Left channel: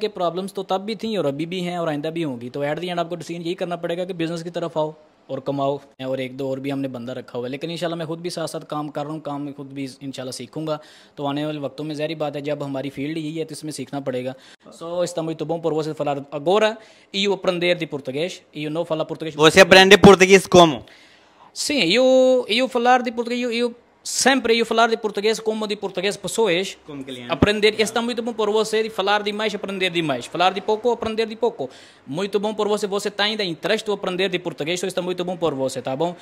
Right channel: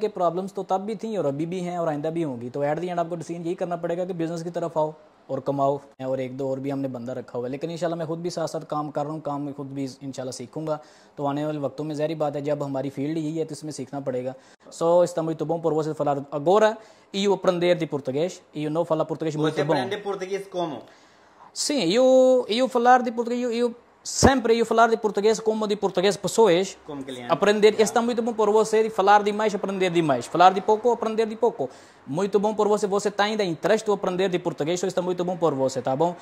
कि प्रॉब्लम्स तो तब भी थी और अभी भी हैं और आइंदा भी होंगी, तो एट दी एंड आपको डिसीजन यही करना पड़ेगा कि बिजनेस की तरफ आओ और कमाओ। और एक दो और भी हमने बंदा रखा हुआ है, लेकिन इंशाल्लाह मैं खुद भी साथ साथ काम कर रहा हूँ, काम में खुद भी इंशाल्लाह सीखूंगा। तो आने वाले वक्तों में ज़ाहिर बात है जब हमारी फील्ड यही है तो इसमें सीखना पड़ेगा। Só está muito bom por você falar agora e eu aprender de português e eu não falar português muito Você bom. aprende português como? Sim, eu falar de português, eu sempre eu falar de português como de português pessoas. Como cliente. Aprender, está muito bom por você de falar demais, aprender demais. Falar de pouco, aprender de pouco. Muito bom por você, você está ainda interesse em aprender de português, isso está muito bom por você, tá bom?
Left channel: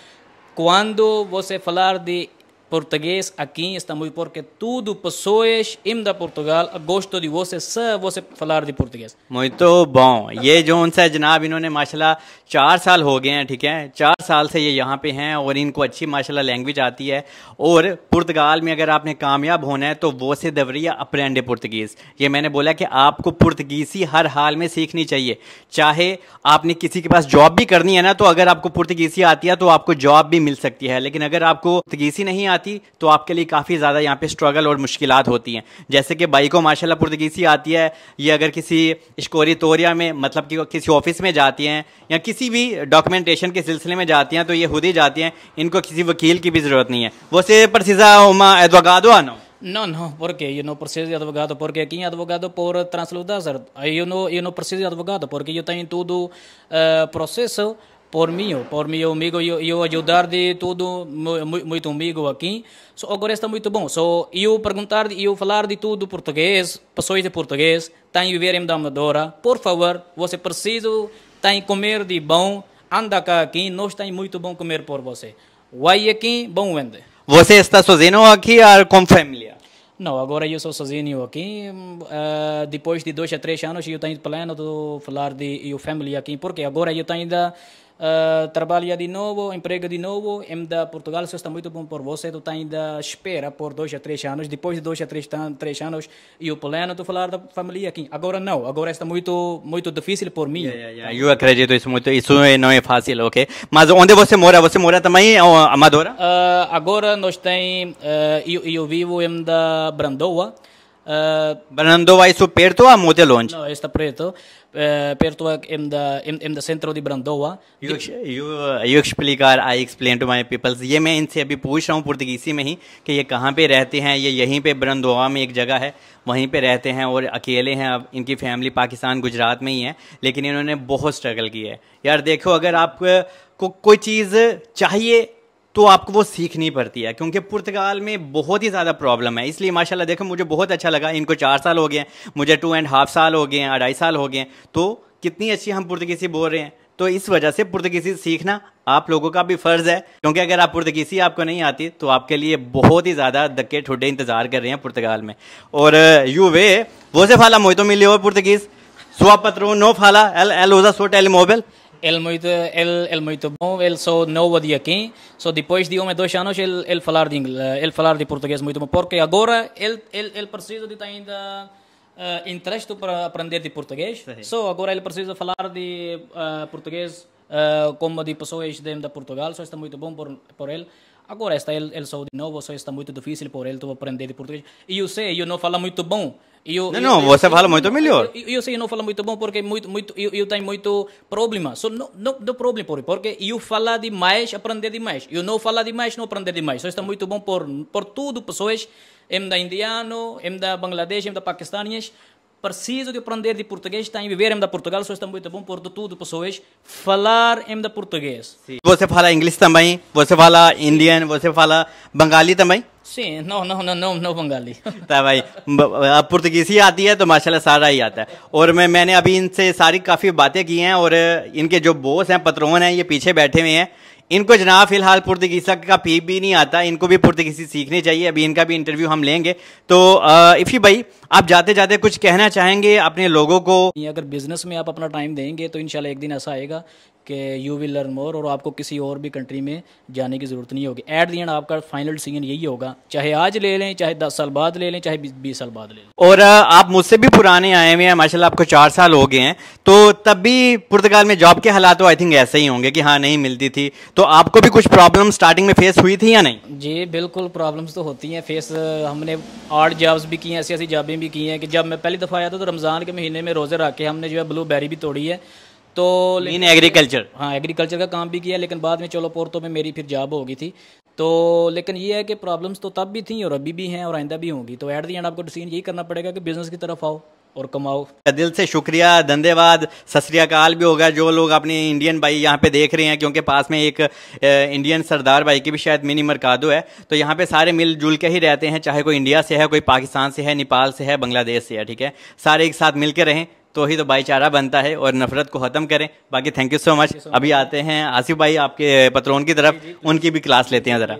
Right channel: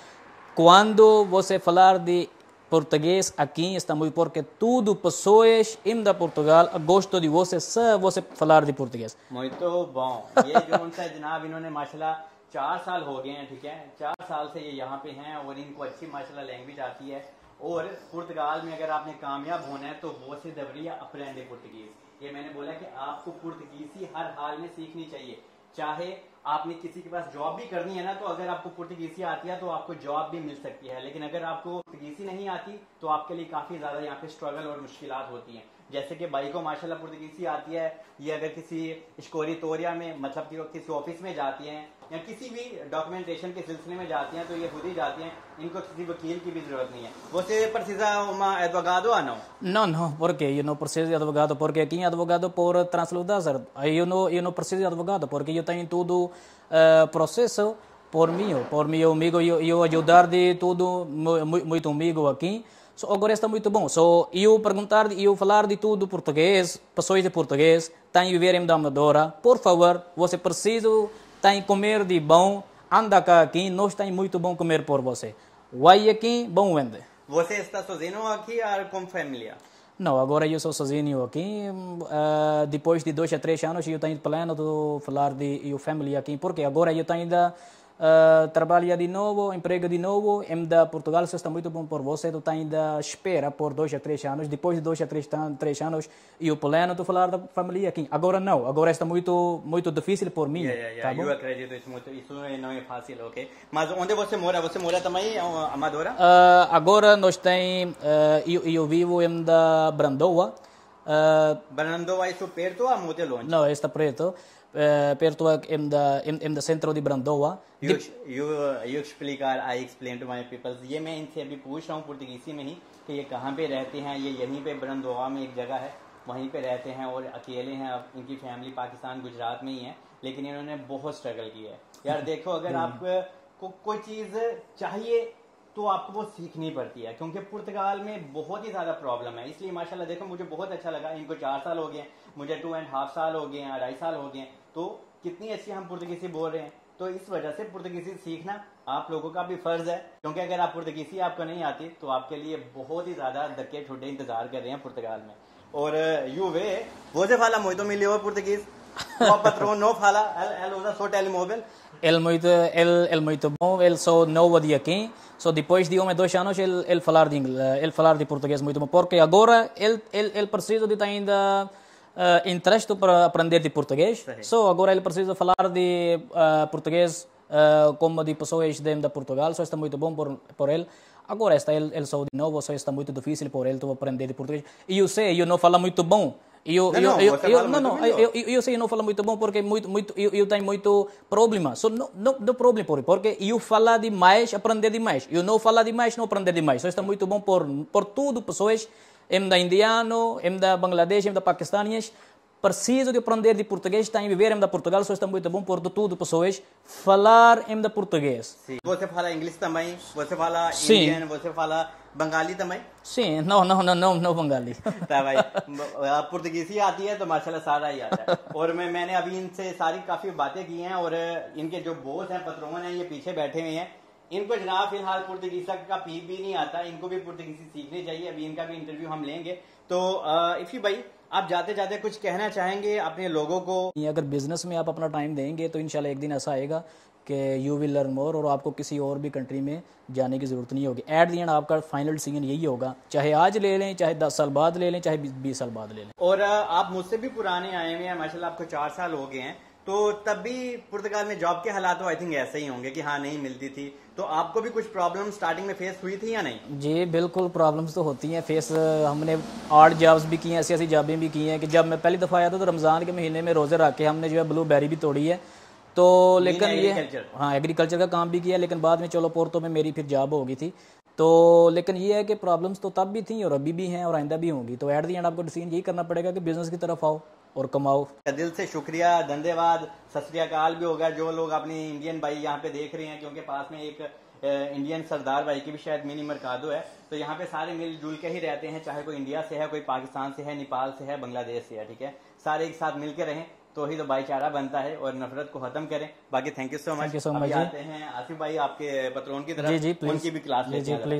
Quando você falar de português aqui está muito porque tudo pessoas da Portugal gosto de você se você falar de português. Muito bom। ये जो उनसे जनाब इन्होंने माशाल्लाह 4 साल हो गए हैं, ठीक है, 4 साल से ये यहाँ पे हैं और इनको अच्छी माशाल्लाह लैंग्वेज आती है। और पुर्तगाल में अगर आपने कामयाब होना है तो वो से दवरिया अप्रेंडे पुर्तगीज़। ये मैंने बोला कि आपको पुर्तगीज़ी हर हाल में सीखनी चाहिए, चाहे आपने किसी के पास जॉब भी करनी है ना, तो अगर आपको पुर्तगीज़ी आती है तो आपको जॉब भी मिल सकती है। लेकिन अगर आपको पुर्तगीज़ी नहीं आती तो आपके लिए काफ़ी ज़्यादा यहाँ पे स्ट्रगल और मुश्किलात होती हैं। जैसे कि भाई को माशाल्लाह पुर्तगीज़ी आती है, ये अगर किसी इश्कोरी तोरिया में मतलब कि किसी ऑफिस में जाती हैं या किसी भी डॉक्यूमेंटेशन के सिलसिले में जाती हैं तो ये खुद ही जाती हैं, इनको किसी वकील की भी ज़रूरत नहीं है। Você precisa uma advogado ou não? Não, não, porque eu não preciso de advogado, porque aqui é advogado por transludar. Eu não preciso de advogado, porque eu tenho tudo processo por meu amigo, eu ajudar de tudo, muito amigo aqui. So, agora está muito bom. So, eu perguntar, eu falar de tudo português, pessoas de português, tenho viver em Amadora. Por favor, você precisa, tem comer de bom, anda cá aqui, nós tem muito bom comer por você. Vai aqui, bom vende. Você está sozinho aqui ou com família? Não, agora eu sou sozinho aqui. Depois de 2 a 3 anos eu tenho plano de falar de eu família aqui, porque agora eu tenho ainda trabalho de novo, emprego de novo. Em da Portugal isso está muito bom por você. Tu tem ainda espera por 2 a 3 anos. Depois de 2 a 3 anos eu plano de falar da família aqui. Agora não, agora está muito difícil por mim. Eu acredito isso muito. Isso não é fácil, ok? Mas onde você mora? Você mora também em Amadora? Agora nós tem eu vivo em da Brandoa. Brandoa isso perto ou muito longe? Não, está perto. Perto em da centro de Brandoa. You explicar, I explain to my people. ये मैं इनसे अभी पूछ रहा हूँ पुर्तगीसी में ही कि ये कहाँ पे रहते हैं। ये यहीं पे ब्रंदोआ में एक जगह है, वहीं पे रहते हैं और अकेले हैं। अब इनकी फैमिली पाकिस्तान गुजरात में ही है, लेकिन इन्होंने बहुत स्ट्रगल किया है। यार देखो, अगर आपको कोई चीज़ चाहिए तो आपको वो सीखनी पड़ती है, क्योंकि पुर्तगाल में बहुत ही ज़्यादा प्रॉब्लम है। इसलिए माशाल्लाह देखो, मुझे बहुत अच्छा लगा। इनको 4 साल हो गए हैं, मुझे 2.5 साल हो गए हैं, 2.5 साल हो गए हैं। तो कितनी अच्छी हम पुर्तगीसी बोल रहे हैं। तो इस वजह से पुर्तगीसी सीखना आप लोगों का भी फ़र्ज़ है, क्योंकि अगर आप पुर्तगीसी आपको नहीं आती तो आपके लिए बहुत ही ज़्यादा धक्के ठुड्डे इंतज़ार कर रहे हैं पुर्तगाल में। और você fala muito melhor português? Sua patroa não fala? Ela usa seu telemóvel? Ele muito bom, ele só novo de aqui. Só depois de 1 a 2 anos ele falar de inglês, ele falar de português muito bom, porque agora ele precisa de ter ainda interesse para aprender de português. Só agora ele precisa falar de português como de pessoas de Portugal, só está muito bom por ele. Agora está ele só de novo, só está muito difícil por ele aprender de português. E eu sei, eu não falo muito bom. Não, você fala muito melhor. Eu sei, eu não falo muito bom porque eu tenho muito problema. So, não problema porque eu falo demais, aprender demais. Eu não falo demais, não aprender demais. Só está muito bom por tudo, pessoas em da indiano, em da Bangladesh, em da paquistaníes. Preciso de aprender de português, tem viver em da Portugal, só está muito bom por tudo, pessoas falar em da português. Você fala inglês também? Você fala indiano? Você fala bengali também? Sim, não Bengali. तो भाई अब पुर्तगीसी आती है तो माशाल्लाह सारा ही आता है। और मैंने अभी इनसे सारी काफ़ी बातें की हैं और इनके जो बॉस हैं, पत्रोन हैं, ये पीछे बैठे हुए हैं। इनको जनाब फिलहाल पुर्तगीसा का पी भी नहीं आता, इनको भी पुर्तगीसी सीखनी चाहिए। अभी इनका भी इंटरव्यू हम लेंगे। तो इफ़ी भाई, आप जाते जाते कुछ कहना चाहेंगे अपने लोगों को? अगर बिजनेस में आप अपना टाइम देंगे तो इंशाल्लाह एक दिन ऐसा आएगा कि यू विल लर्न मोर, और आपको किसी और भी कंट्री में जाने की ज़रूरत नहीं होगी। एट दी एंड आपका फाइनल डिसीजन यही होगा, चाहे आज ले लें, चाहे 10 साल बाद ले लें, चाहे 20 साल बाद ले लें। और आप मुझसे भी पुराने आए हुए हैं माशाल्लाह, आपको 4 साल हो गए हैं, तो तब भी पुर्तगाल में जॉब के हालात तो आई थिंक ऐसे ही होंगे कि हाँ नहीं मिलती थी, तो आपको भी कुछ प्रॉब्लम स्टार्टिंग में फेस हुई थी या नहीं? जी बिल्कुल, प्रॉब्लम्स तो होती हैं फेस। हमने आर्ट जॉब्स भी की हैं, ऐसी ऐसी जॉबें भी की हैं कि जब मैं पहली दफ़ा आया था तो रमज़ान के महीने में रोज़े रख के हमने जो है ब्लूबेरी भी तोड़ी है। तो लेकिन एग्रीकल्चर, हाँ एग्रीकल्चर का काम भी किया, लेकिन बाद में चलो पोर्तो में मेरी फिर जॉब हो गई थी। तो लेकिन ये है कि प्रॉब्लम्स तो तब भी थी और अभी भी हैं और आइंदा भी होंगी। तो एट दी एंड आपको डिसीजन यही करना पड़ेगा कि बिजनेस की तरफ आओ और कमाओ। दिल से शुक्रिया, धन्यवाद, सत श्री अकाल भी होगा जो लोग अपने इंडियन भाई यहाँ पे देख रहे हैं, क्योंकि पास में एक इंडियन सरदार भाई की भी शायद मिनी मरकादो है, तो यहाँ पे सारे मिलजुल के ही रहते हैं, चाहे कोई इंडिया से है, कोई पाकिस्तान से है, नेपाल से है, बांग्लादेश से है, ठीक है, सारे एक साथ मिल के रहें तो ही तो भाईचारा बनता है और नफरत को खत्म करें। बाकी थैंक यू सो मच। अभी आते हैं आसिफ भाई आपके पत्रोन की तरफ, उनकी भी क्लास लेते हैं जरा।